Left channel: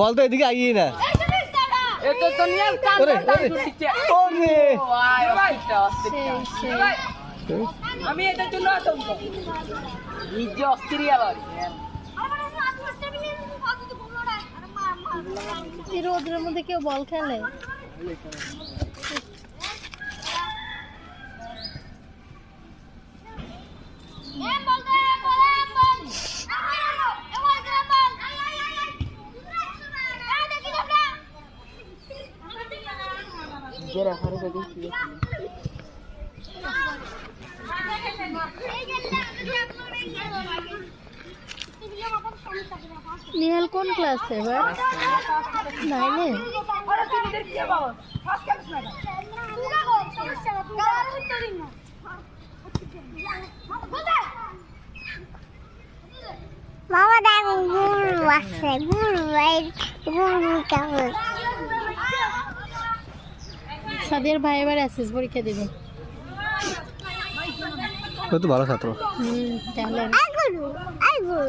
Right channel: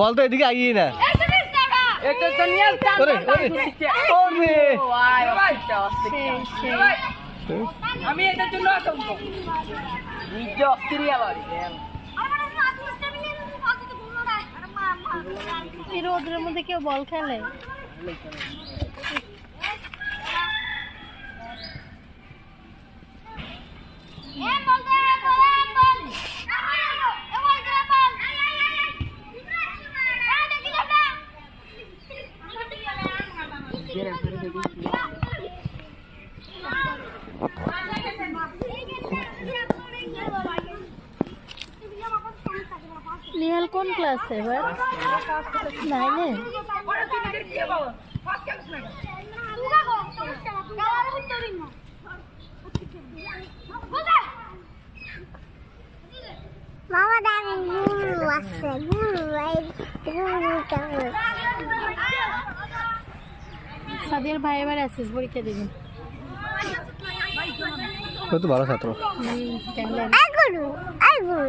বল তো এদিকে আইয়ে না। আমি এটার জন্য নিজ অস্থির আবার এই রোদের মধ্যে কেউ বল খেলে? নিহাল কোন ক্লাসে এবার? 9-এ? মামা দেখো গুরু আছে, গুরু কেমন? সাদিয়ার ভাই এবার এসএস পরীক্ষা দেবে। ও তো ভালো ছাত্র। কেমন? গুরু